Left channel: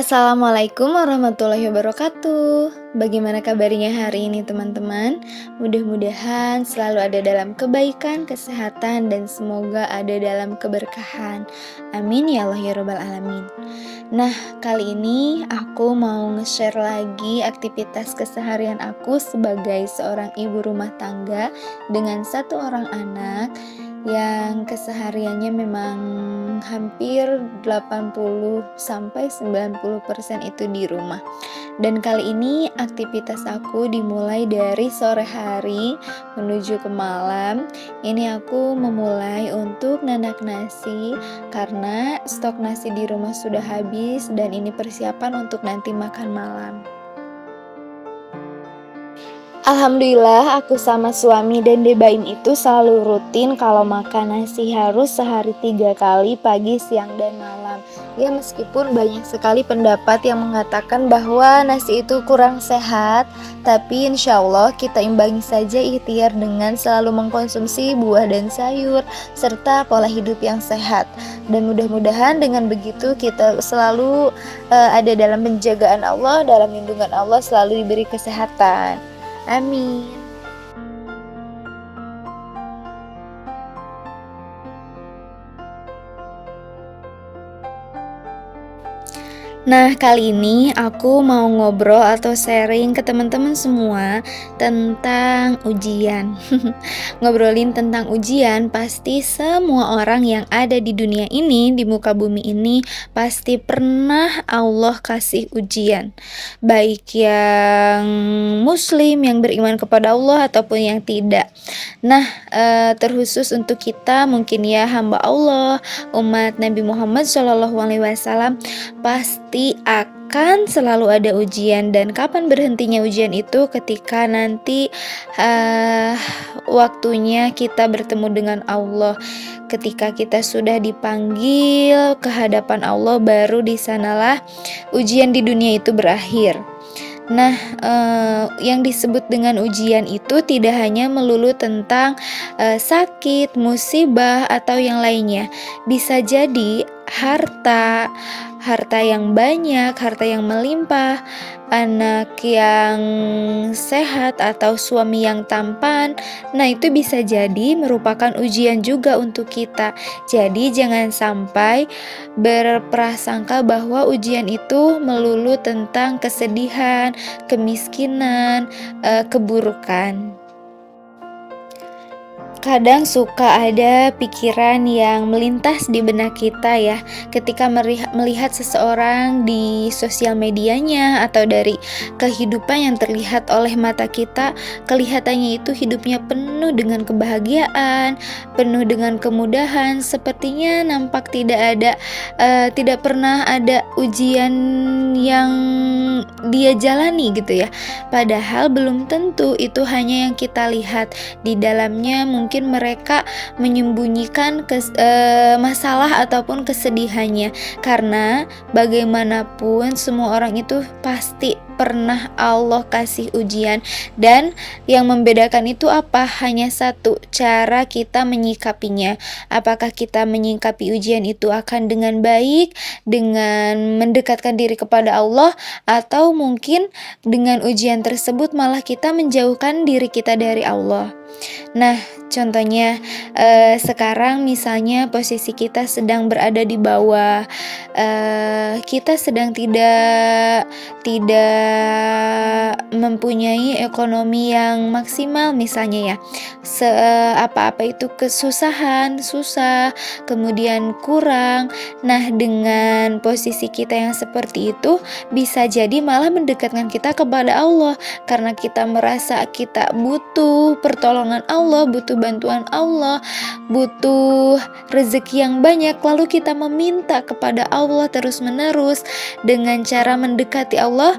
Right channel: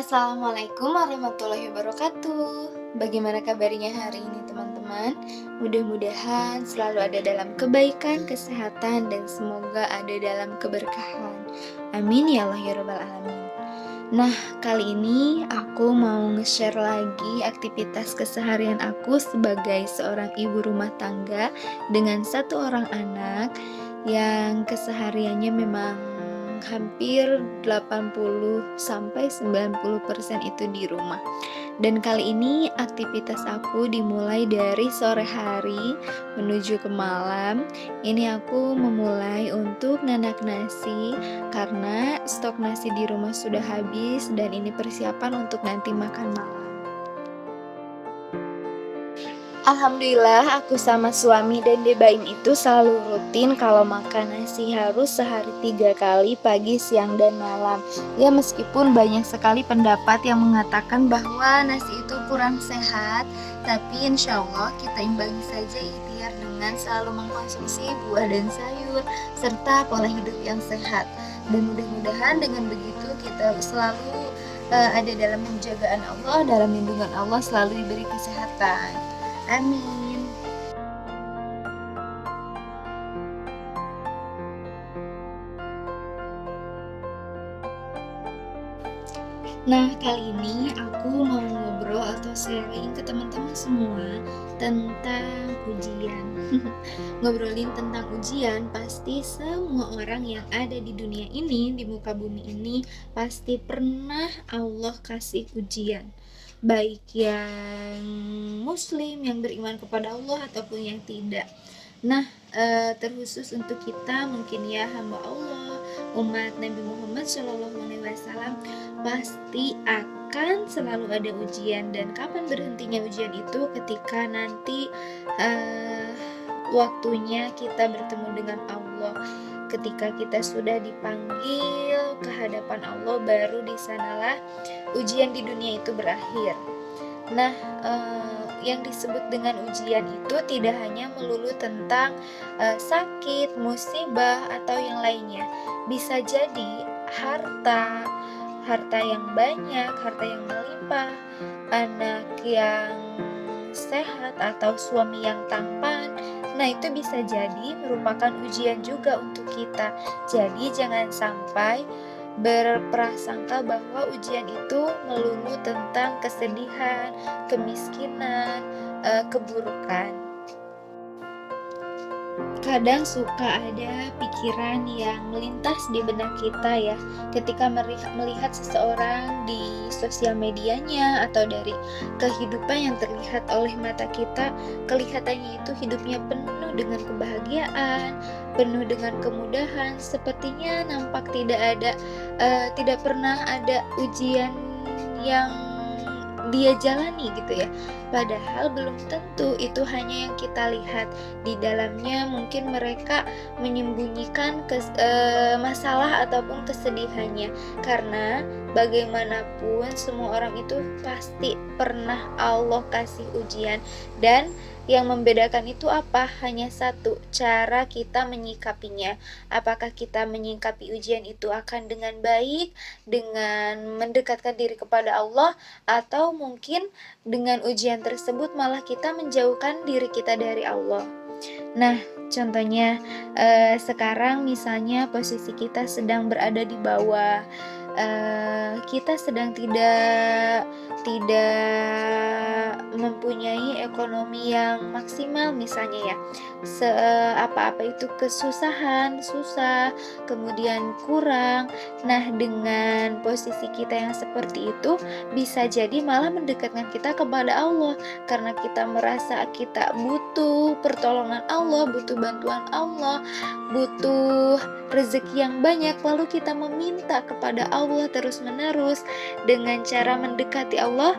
Assalamualaikum warahmatullahi wabarakatuh. Bagaimana kabarnya hari ini teman-teman? Mudah-mudahan selalu ada dalam kebaikan, kesehatan, dan semoga ada dalam keberkahan. Amin ya Allah ya Rabbal Alamin. Nah, kali ini aku mau nge-share lagi aktivitas keseharian aku sebagai seorang ibu rumah tangga dengan satu orang anak yang kesehariannya memang hampir 80 sampai 90% itu di rumah. Dan kali ini aktivitas aku dimulai dari sore hari menuju ke malam. Ini aku memulai untuk nanak nasi karena stok nasi di rumah sudah habis dan ini persiapan untuk nanti makan malam. Alhamdulillah aku sama suami dan Debain itu selalu rutin kalau makan nasi harus sehari 3 kali pagi, siang, dan malam. Ya meskipun banyak sekali pendapat yang mengatakan bahwa nasi itu kurang sehat, tapi insya Allah kita imbangi saja ikhtiar dengan selalu mengkonsumsi buah dan sayur serta pola hidup yang sehat. Dan mudah-mudahan dengan begitu kita selalu ada dalam penjagaan Allah, dalam lindungan Allah, selalu diberi kesehatan. Amin. Nah, kali ini aku mau ngobrol atau sharing ke teman-teman semua tentang ujian. Ngobrolin tentang ujian, pasti semua orang yang ada di dunia ini, di muka bumi ini, pasti pernah Allah kasih ujian. Baik yang muslim, yang beriman kepada Allah ataupun yang tidak. Nah, terkhusus untuk kita mungkin ya hamba Allah, umat Nabi Muhammad SAW, pasti akan selalu ada ujian. Dan kapan berhentinya ujian itu ketika nanti waktunya kita bertemu dengan Allah. Ketika kita sudah dipanggil ke hadapan Allah, baru di sanalah ujian di dunia itu berakhir. Nah, yang disebut dengan ujian itu tidak hanya melulu tentang sakit, musibah, atau yang lainnya. Bisa jadi harta yang banyak, harta yang melimpah, anak yang sehat, atau suami yang tampan. Nah, itu bisa jadi merupakan ujian juga untuk kita. Jadi, jangan sampai berprasangka bahwa ujian itu melulu tentang kesedihan, kemiskinan, keburukan. Kadang suka ada pikiran yang melintas di benak kita ya, ketika melihat seseorang di sosial medianya atau dari kehidupan yang terlihat oleh mata kita, kelihatannya itu hidupnya penuh dengan kebahagiaan, penuh dengan kemudahan, sepertinya nampak tidak pernah ada ujian yang dia jalani gitu ya. Padahal belum tentu itu hanya yang kita lihat. Di dalamnya mungkin mereka menyembunyikan masalah ataupun kesedihannya, karena bagaimanapun semua orang itu pasti pernah Allah kasih ujian, dan yang membedakan itu apa? Hanya satu, cara kita menyikapinya. Apakah kita menyikapi ujian itu akan dengan baik, dengan mendekatkan diri kepada Allah, atau mungkin dengan ujian tersebut malah kita menjauhkan diri kita dari Allah. Nah, contohnya sekarang misalnya posisi kita sedang berada di bawah, kita sedang tidak mempunyai ekonomi yang maksimal misalnya ya. Apa-apa itu kesusahan, susah, kemudian kurang. Nah, dengan posisi kita yang seperti itu bisa jadi malah mendekatkan kita kepada Allah, karena kita merasa kita butuh pertolongan Allah, butuh bantuan Allah, butuh rezeki yang banyak, lalu kita meminta kepada Allah terus-menerus dengan cara mendekati Allah,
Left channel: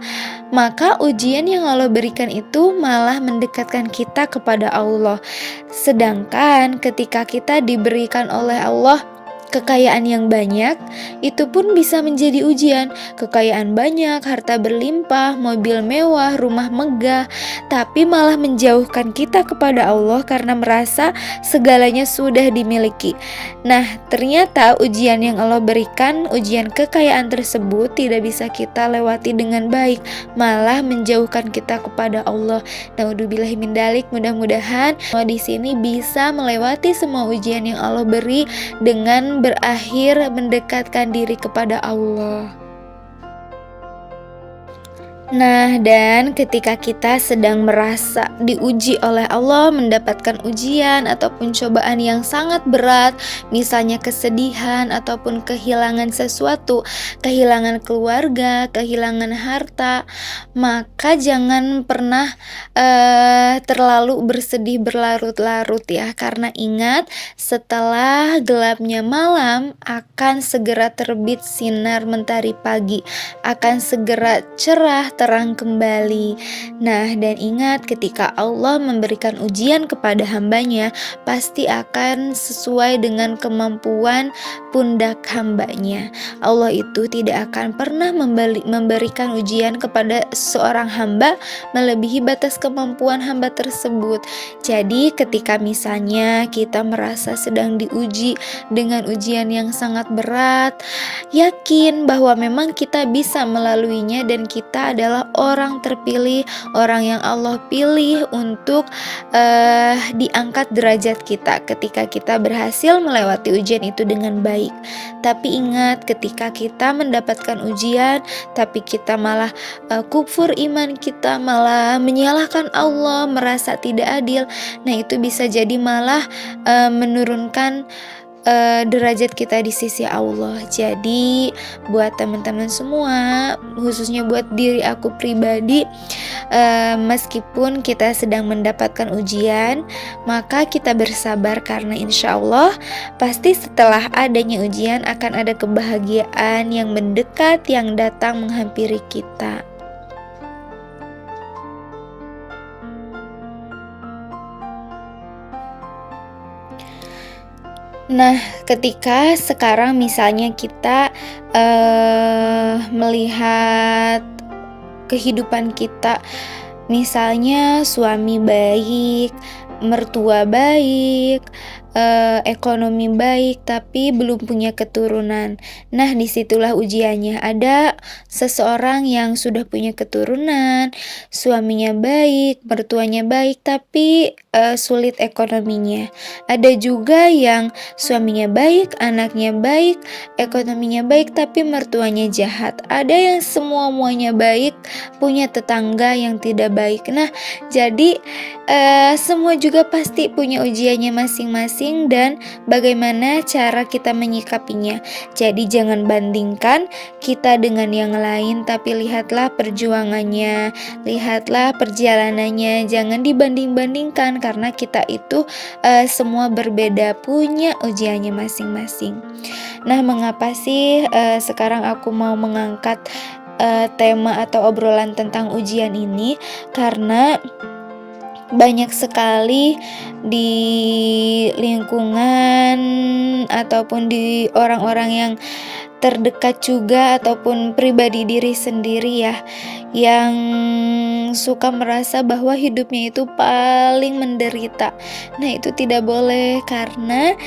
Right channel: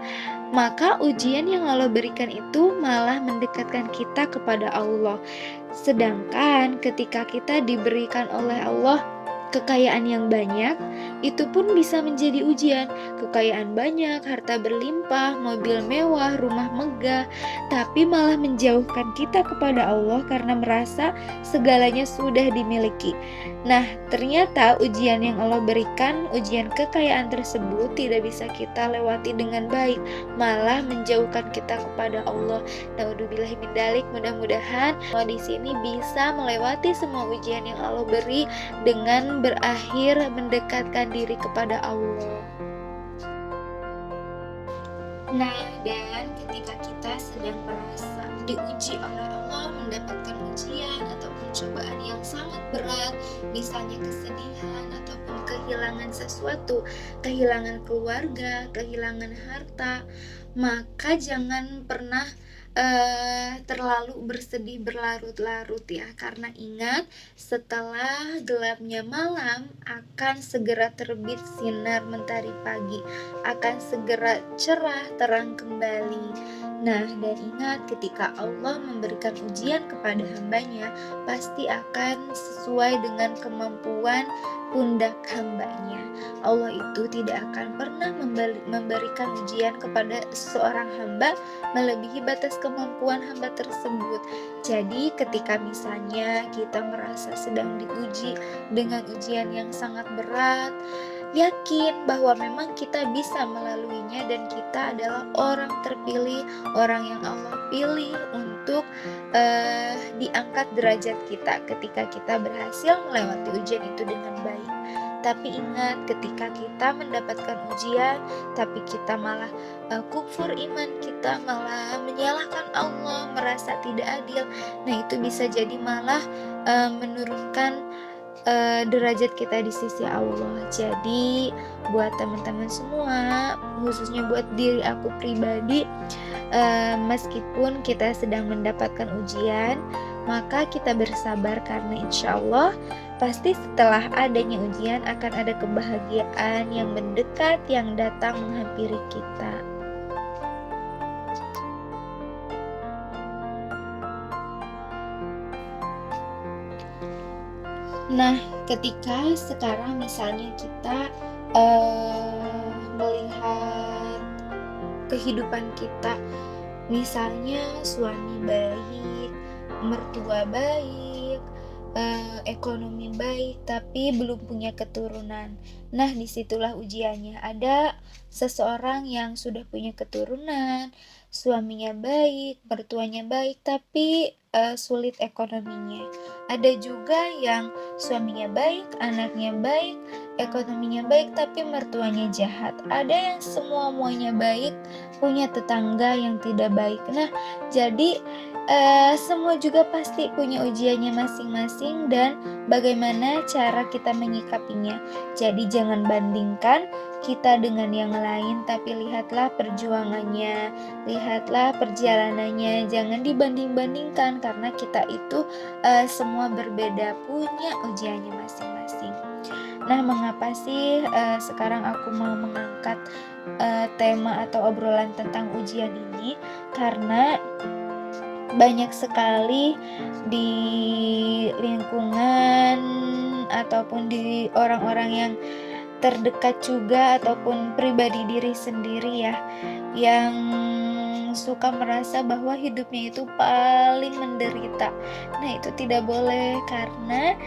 maka ujian yang Allah berikan itu malah mendekatkan kita kepada Allah. Sedangkan ketika kita diberikan oleh Allah Kekayaan yang banyak itu pun bisa menjadi ujian. Kekayaan banyak, harta berlimpah, mobil mewah, rumah megah, tapi malah menjauhkan kita kepada Allah karena merasa segalanya sudah dimiliki. Nah, ternyata ujian yang Allah berikan, ujian kekayaan tersebut tidak bisa kita lewati dengan baik, malah menjauhkan kita kepada Allah. Naudzubillahi min dzalik. Mudah-mudahan di sini bisa melewati semua ujian yang Allah beri dengan berakhir mendekatkan diri kepada Allah. Nah, dan ketika kita sedang merasa diuji oleh Allah, mendapatkan ujian ataupun cobaan yang sangat berat, misalnya kesedihan ataupun kehilangan sesuatu, kehilangan keluarga, kehilangan harta, maka jangan pernah terlalu bersedih berlarut-larut ya, karena ingat setelah gelapnya malam akan segera terbit sinar mentari pagi, akan segera cerah terang kembali. Nah, dan ingat ketika Allah memberikan ujian kepada hambanya, pasti akan sesuai dengan kemampuan pundak hambanya. Allah itu tidak akan pernah memberikan ujian kepada seorang hamba melebihi batas kemampuan hamba tersebut. Jadi ketika misalnya kita merasa sedang diuji dengan ujian yang sangat berat, yakin bahwa memang kita bisa melaluinya dan kita adalah orang terpilih, orang yang Allah pilih untuk diangkat derajat kita ketika kita berhasil melewati ujian itu dengan baik. Tapi ingat, ketika kita mendapatkan ujian tapi kita malah kufur iman, kita malah menyalahkan Allah, merasa tidak adil, nah itu bisa jadi malah menurunkan derajat kita di sisi Allah. Jadi buat teman-teman semua, khususnya buat diri aku pribadi, meskipun kita sedang mendapatkan ujian, maka kita bersabar karena insya Allah pasti setelah adanya ujian akan ada kebahagiaan yang mendekat, yang datang menghampiri kita. Nah, ketika sekarang misalnya kita melihat kehidupan kita, misalnya suami baik, mertua baik, ekonomi baik, tapi belum punya keturunan. Nah, disitulah ujiannya. Ada seseorang yang sudah punya keturunan, suaminya baik, mertuanya baik, tapi sulit ekonominya. Ada juga yang suaminya baik, anaknya baik, ekonominya baik, tapi mertuanya jahat. Ada yang semua-muanya baik, punya tetangga yang tidak baik. Nah, jadi semua juga pasti punya ujiannya masing-masing dan bagaimana cara kita menyikapinya. Jadi jangan bandingkan kita dengan yang lain, tapi lihatlah perjuangannya, lihatlah perjalanannya, jangan dibanding-bandingkan karena kita itu semua berbeda, punya ujiannya masing-masing. Nah, mengapa sih sekarang aku mau mengangkat tema atau obrolan tentang ujian ini? Karena banyak sekali di lingkungan ataupun di orang-orang yang terdekat juga ataupun pribadi diri sendiri ya, yang suka merasa bahwa hidupnya itu paling menderita. Nah, itu tidak boleh karena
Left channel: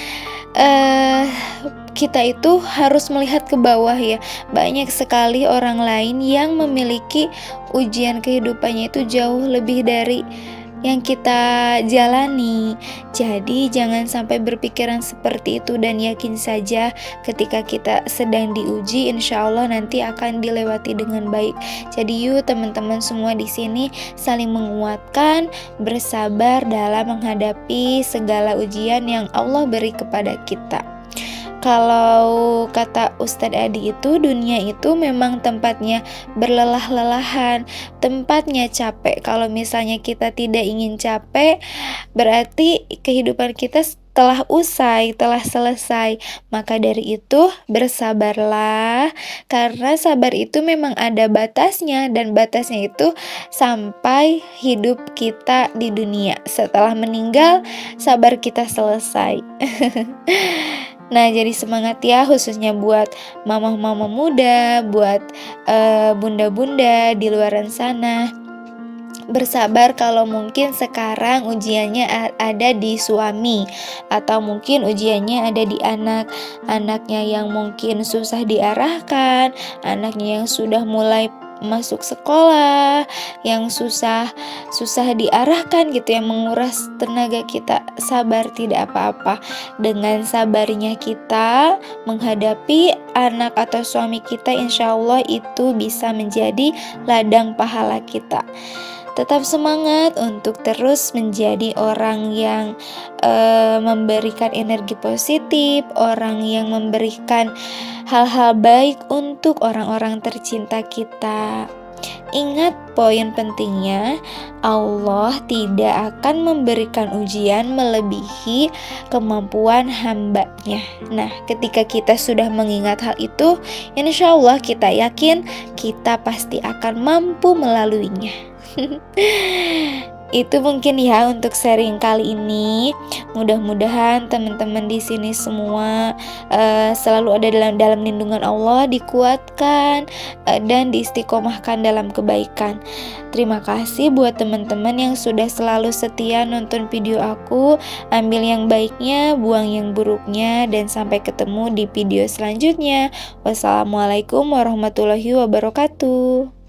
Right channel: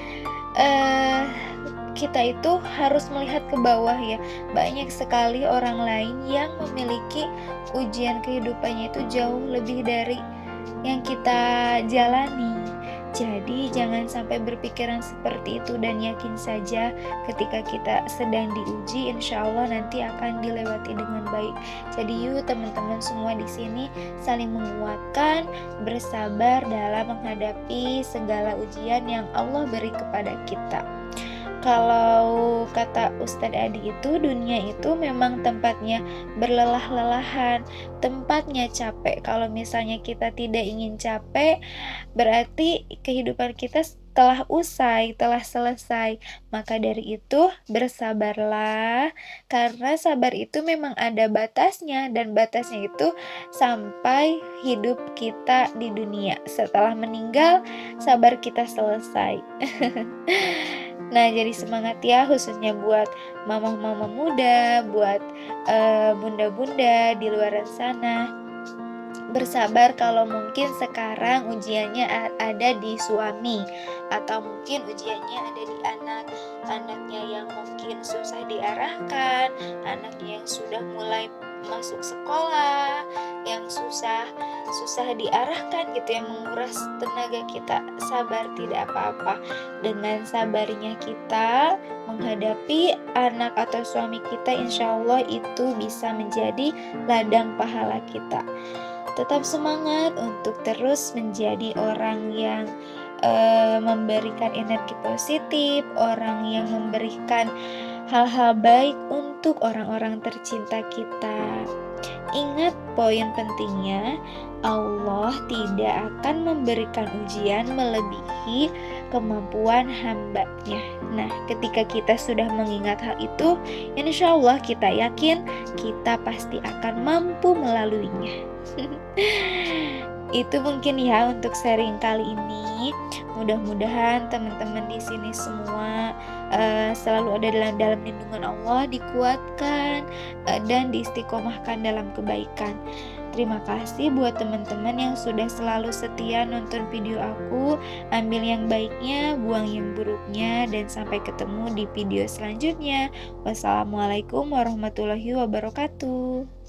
kita itu harus melihat ke bawah ya. Banyak sekali orang lain yang memiliki ujian kehidupannya itu jauh lebih dari yang kita jalani. Jadi jangan sampai berpikiran seperti itu dan yakin saja ketika kita sedang diuji, insya Allah nanti akan dilewati dengan baik. Jadi yuk teman-teman semua di sini saling menguatkan, bersabar dalam menghadapi segala ujian yang Allah beri kepada kita. Kalau kata Ustadz Adi itu, dunia itu memang tempatnya berlelah-lelahan, tempatnya capek. Kalau misalnya kita tidak ingin capek, berarti kehidupan kita telah usai, telah selesai. Maka dari itu bersabarlah, karena sabar itu memang ada batasnya, dan batasnya itu sampai hidup kita di dunia. Setelah meninggal, sabar kita selesai. Nah, jadi semangat ya khususnya buat mama-mama muda, buat bunda-bunda di luaran sana. Bersabar kalau mungkin sekarang ujiannya ada di suami, atau mungkin ujiannya ada di anak. Anaknya yang mungkin susah diarahkan, anaknya yang sudah mulai masuk sekolah, yang susah susah diarahkan gitu, yang menguras tenaga kita. Sabar, tidak apa-apa. Dengan sabarnya kita menghadapi anak atau suami kita, insya Allah itu bisa menjadi ladang pahala kita. Tetap semangat untuk terus menjadi orang yang memberikan energi positif, orang yang memberikan hal-hal baik untuk orang-orang tercinta kita. Ingat poin pentingnya, Allah tidak akan memberikan ujian melebihi kemampuan hamba-Nya. Nah, ketika kita sudah mengingat hal itu, insya Allah kita yakin kita pasti akan mampu melaluinya. Itu mungkin ya untuk sharing kali ini. Mudah-mudahan teman-teman di sini semua selalu ada dalam lindungan Allah, dikuatkan dan diistiqomahkan dalam kebaikan. Terima kasih buat teman-teman yang sudah selalu setia nonton video aku. Ambil yang baiknya, buang yang buruknya, dan sampai ketemu di video selanjutnya. Wassalamualaikum warahmatullahi wabarakatuh.